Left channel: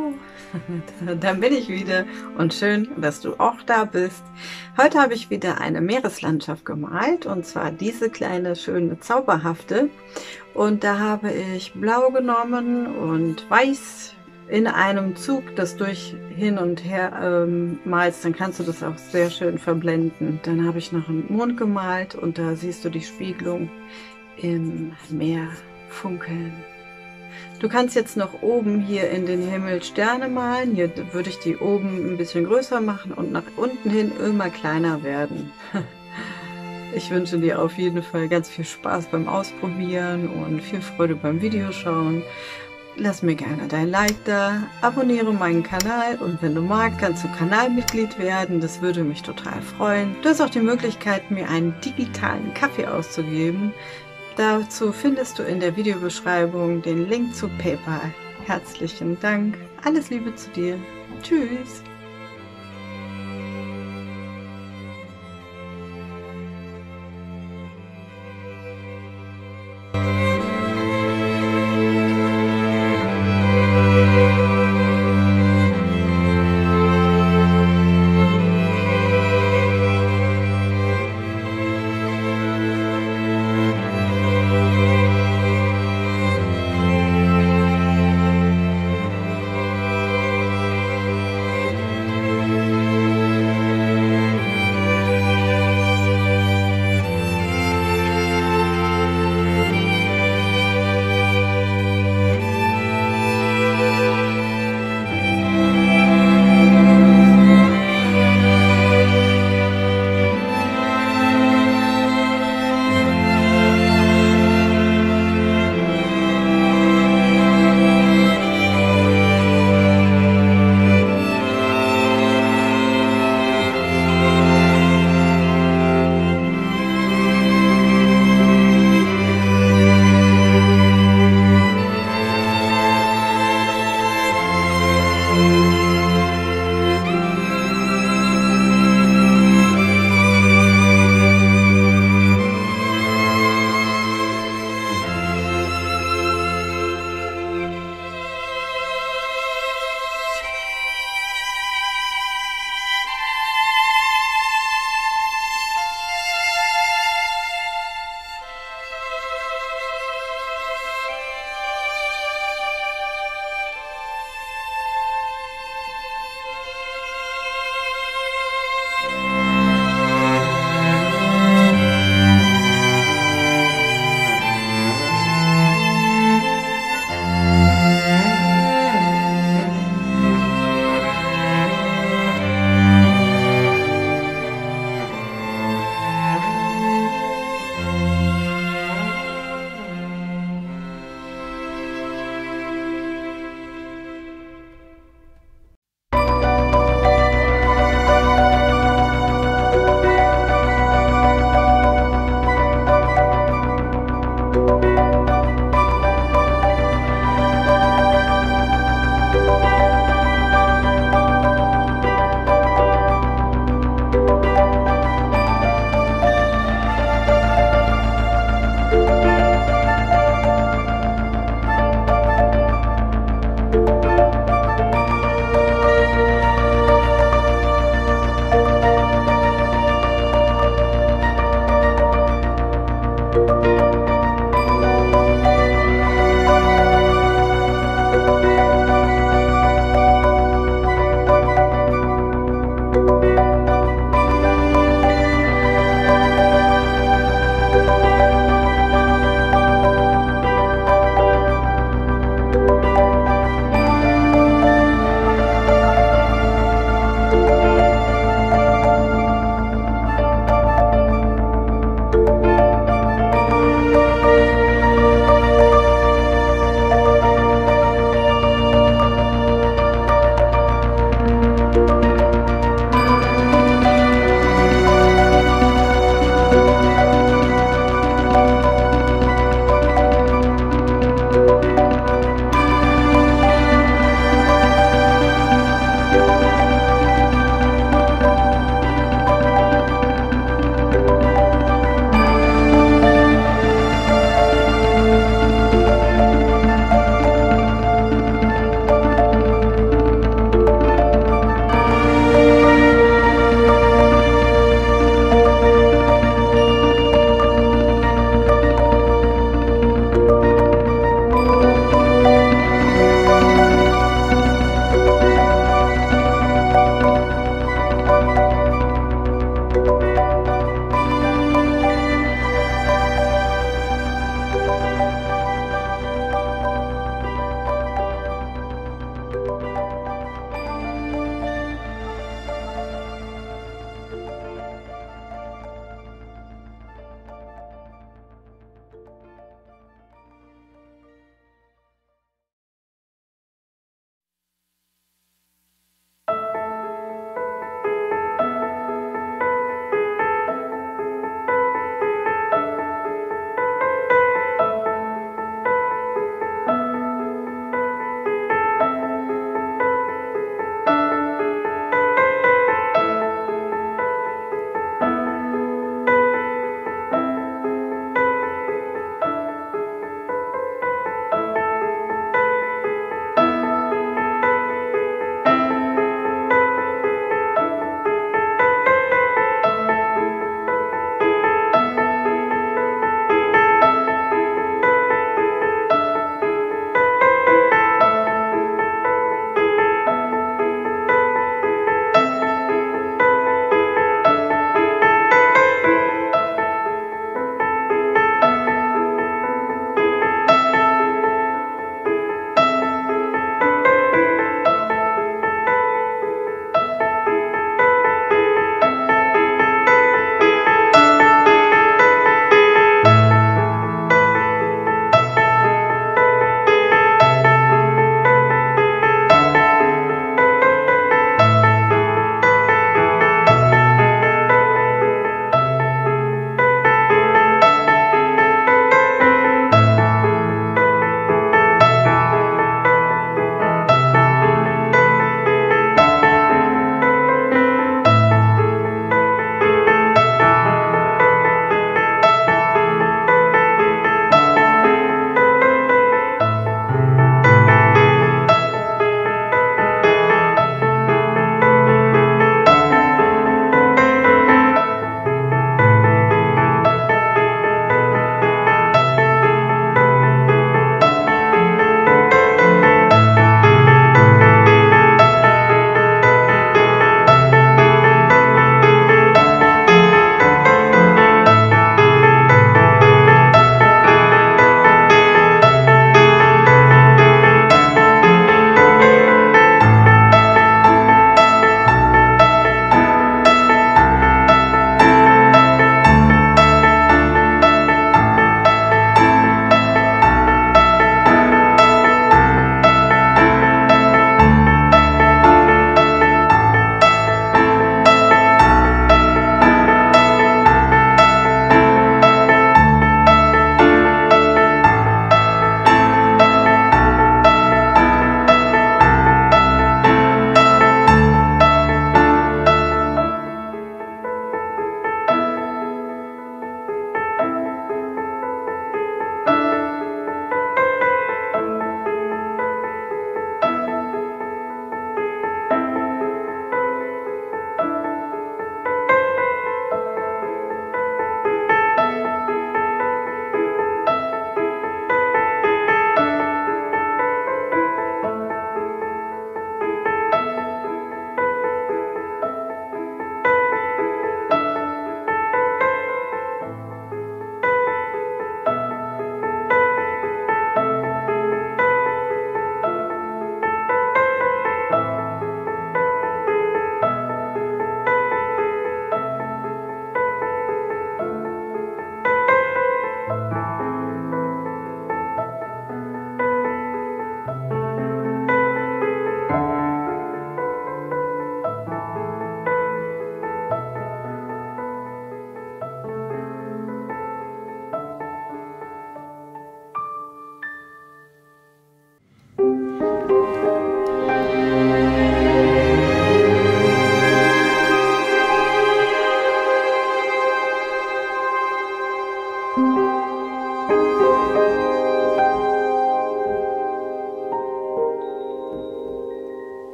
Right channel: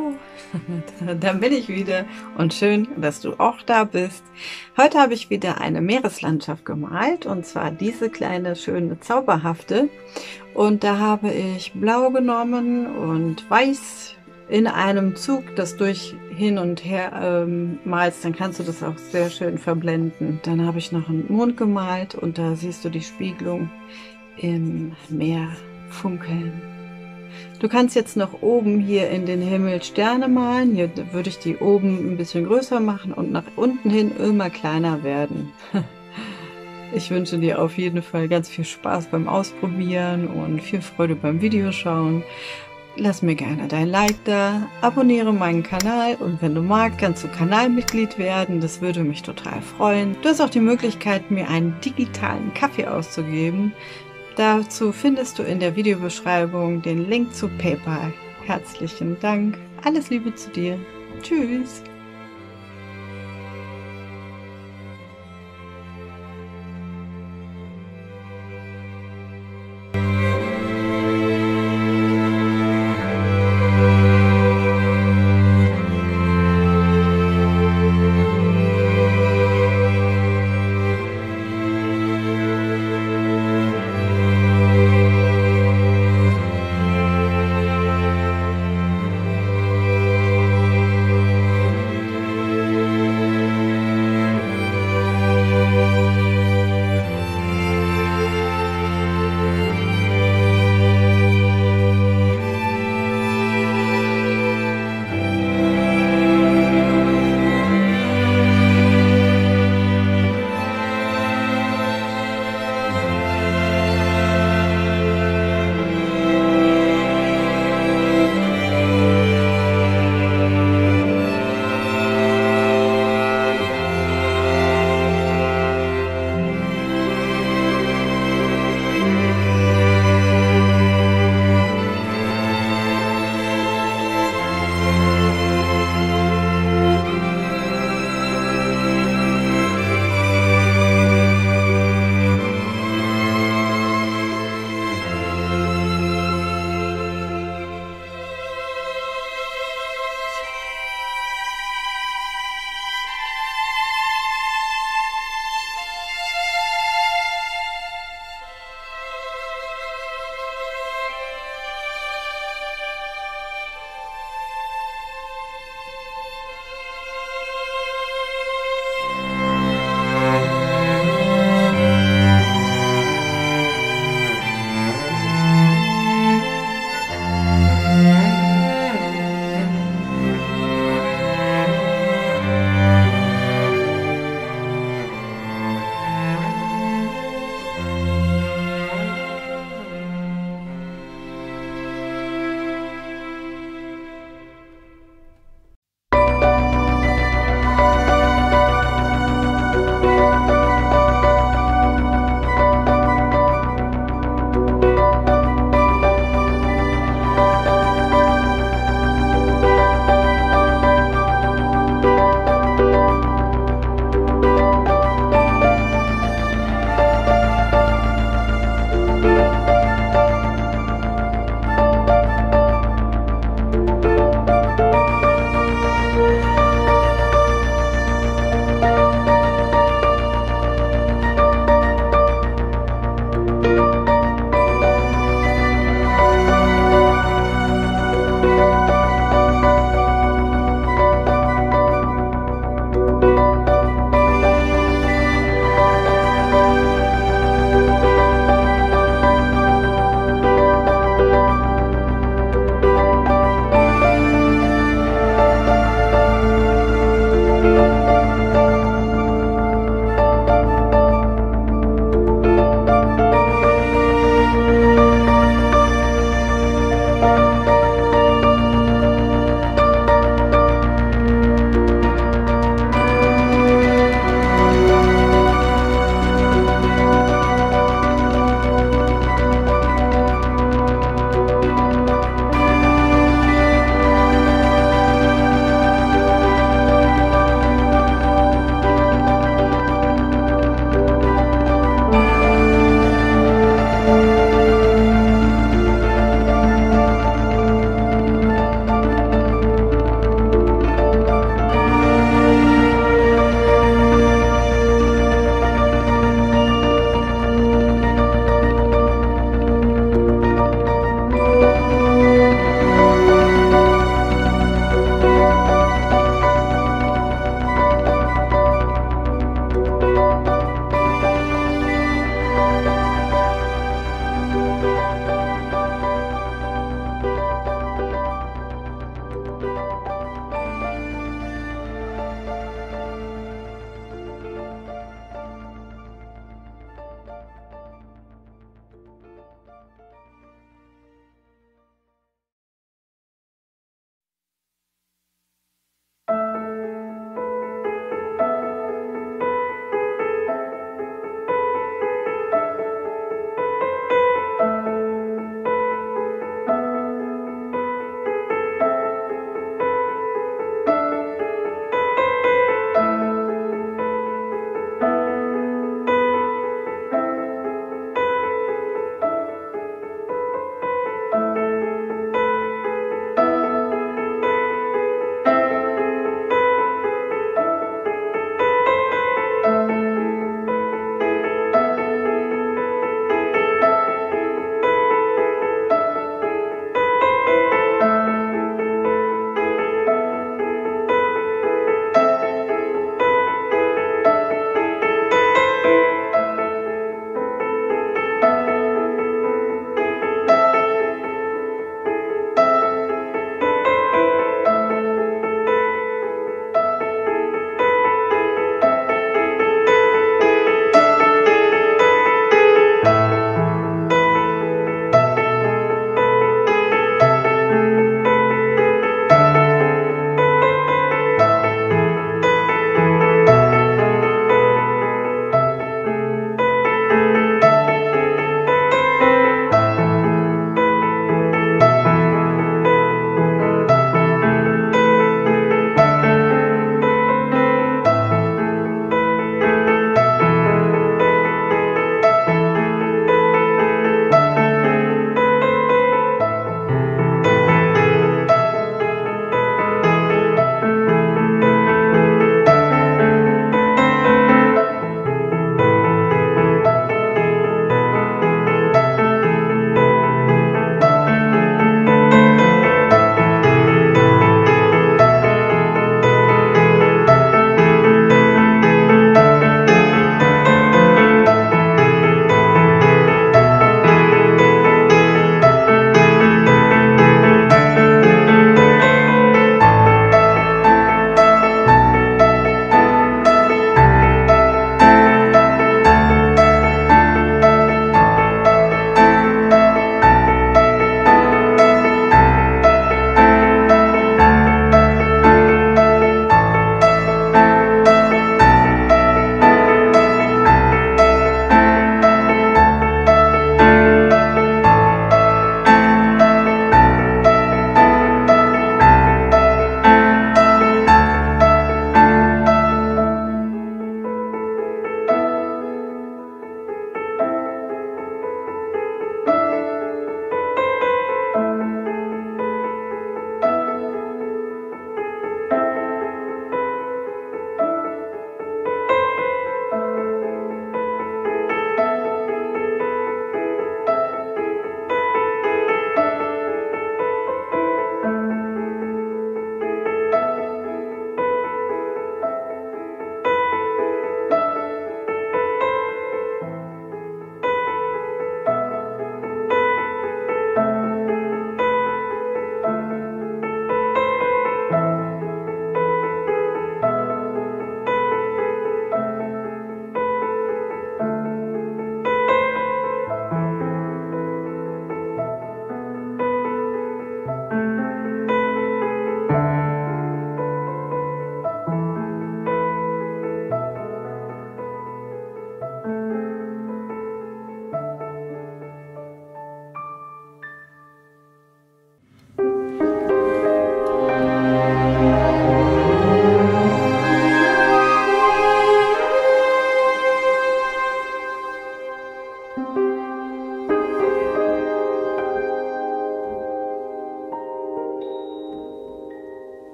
Hallo, dann bin ich wieder und schön, dass du auch da bist. Heute habe ich wieder eine Meereslandschaft gemalt und zwar diese kleine, schöne, zauberhafte. Und da habe ich Blau genommen und Weiß in einem Zug, das durch hin und her malst, dann kannst du das auch sehr schön verblenden. Dann habe ich noch einen Mond gemalt und da siehst du die Spiegelung im Meer funkeln. Du kannst jetzt noch oben hier in den Himmel Sterne malen. Hier würde ich die oben ein bisschen größer machen und nach unten hin immer kleiner werden. Ich wünsche dir auf jeden Fall ganz viel Spaß beim Ausprobieren und viel Freude beim Videoschauen. Lass mir gerne dein Like da, abonniere meinen Kanal und wenn du magst, kannst du Kanalmitglied werden. Das würde mich total freuen. Du hast auch die Möglichkeit, mir einen digitalen Kaffee auszugeben. Dazu findest du in der Videobeschreibung den Link zu PayPal. Herzlichen Dank. Alles Liebe zu dir. Tschüss.